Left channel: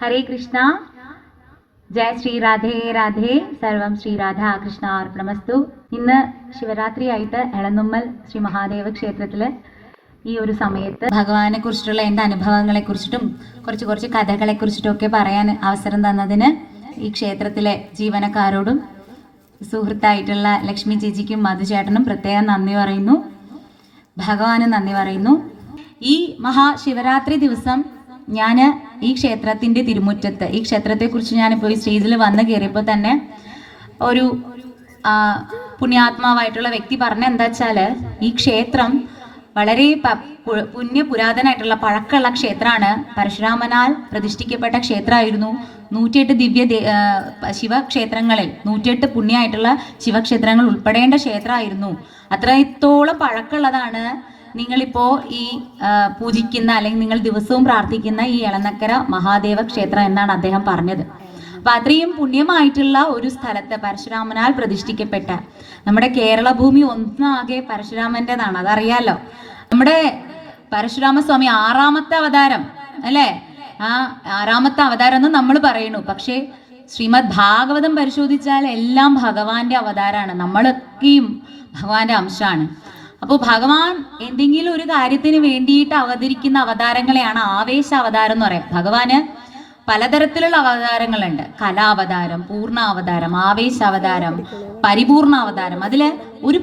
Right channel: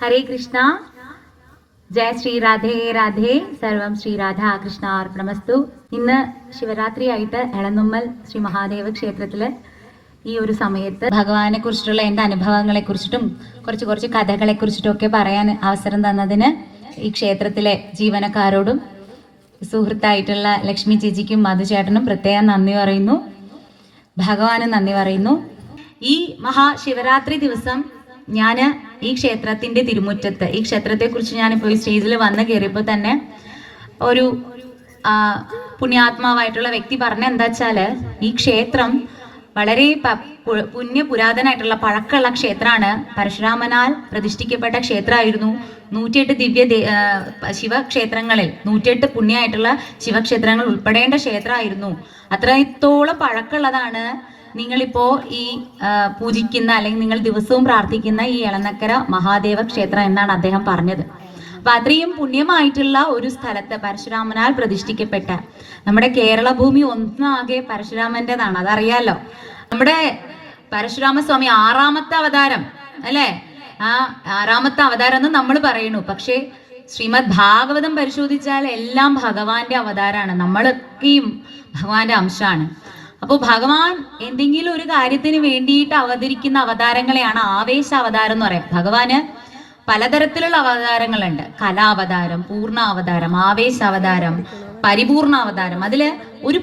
ഹരേ കൃഷ്ണ ജയ ശ്രീ രാധേ രാധേ സർവം ശ്രീ രാധ കൃഷ്ണ അർപ്പണമസ്തു ഇന്ന് ശിവരാത്രി ആയിട്ട് എളന്നുമ്മൽ ശ്രീ മഹാദേവ ക്ഷേത്രത്തിൽ ഈ ഒരു സമയത്ത് ഭഗവാനെ കുറിച്ചിട്ടുള്ള എന്റെ അനുഭവങ്ങളെ കുറിച്ചിട്ടും കുറച്ച് കുറച്ച് കഥകളെ കുറിച്ചിട്ടും ഒക്കെ പറയാൻ അവസരം തന്നതിന് ഈ ക്ഷേത്രത്തിലെ ജീവനക്കാരോടും സുഹൃത്തായിട്ടുള്ള ലക്ഷ്മി ചേച്ചിക്കും മധുചേട്ടനും പ്രത്യേകം നന്ദി പറയുന്നു. ഭഗവാനും നന്ദി പറയുന്നു. ഈ മഹാശിവരാത്രി ദിവസം ഞാൻ ഈ ക്ഷേത്രത്തിന്റെ തിരുമുറ്റത്ത് ഈ ക്ഷേത്രത്തെ കുറിച്ച് ഞാനിപ്പോൾ ഈ സ്റ്റേജിൽ വന്ന് കയറിയപ്പോൾ തന്നെ ഒരു പുണ്യാത്മാവായിട്ടുള്ള വ്യക്തി പറഞ്ഞ എന്താ വെച്ചാൽ ഈ ക്ഷേത്രം വളരെ പുണ്യ പുരാതനായിട്ടുള്ള പഴക്കമുള്ള ക്ഷേത്രമാണ്. പരശുരാമനാൽ പ്രതിഷ്ഠിക്കപ്പെട്ട ക്ഷേത്രമായിരുന്നു നൂറ്റിയെട്ട് ദിവ്യ ശിവക്ഷേത്രങ്ങളിൽ നൂറ്റിയെട്ട് പുണ്യമായിട്ടുള്ള ശിവക്ഷേത്രങ്ങൾ ഉൾപ്പെടേണ്ട ക്ഷേത്രമായിരുന്നു. അത്രത്തോളം പഴക്കമുള്ളതാണ് നിങ്ങളിപ്പോ ഈ പൂജിക്കുന്ന അല്ലെങ്കിൽ നിങ്ങൾ ദിവസവും പ്രാർത്ഥിക്കുന്ന ഈ എളനക്കര മഹാദേവ ക്ഷേത്രം എന്നാണ് അദ്ദേഹം പറഞ്ഞത്. അപ്പൊ അത്രയും പുണ്യമായിട്ടുള്ള ഒരു സ്ഥലത്ത് പരശുരാമനാൽ പ്രതിഷ്ഠിക്കപ്പെട്ട നമ്മുടെ കേരള ഭൂമി ഒന്നാകെ പരശുരാമന്റേതാണ് അതറിയാലോ? നമ്മുടെ പരശുരാമസ്വാമി ആറാമത്തെ അവതാരം അല്ലേ? ആ ആറാമത്തെ അവതാരം എന്ന് നമ്മൾ പറയുന്നു. പക്ഷേ ശ്രീമദ് ഭാഗവതം പരിശോധിച്ചാൽ എല്ലാം ഭഗവാന്റെ അവതാരമാണ്. നമ്മളൊക്കെയും ഭഗവാന്റെ അംശമാണ്. അപ്പോൾ ഭഗവാൻ എന്തെങ്കിലും ഒരു കാര്യത്തിന് വേണ്ടിയിട്ട് അവതരിക്കുന്ന അവതാരങ്ങളെയാണ് ആവേശ അവതാരം എന്ന് പറയാം. ഭഗവാന് പലതരത്തിലുള്ള അവതാരങ്ങളുണ്ട്. കലാവതാരം പൂർണ അവതാരം ആവേശ അവതാരം പരിപൂർണ അവതാരം അതിൽ ഒരു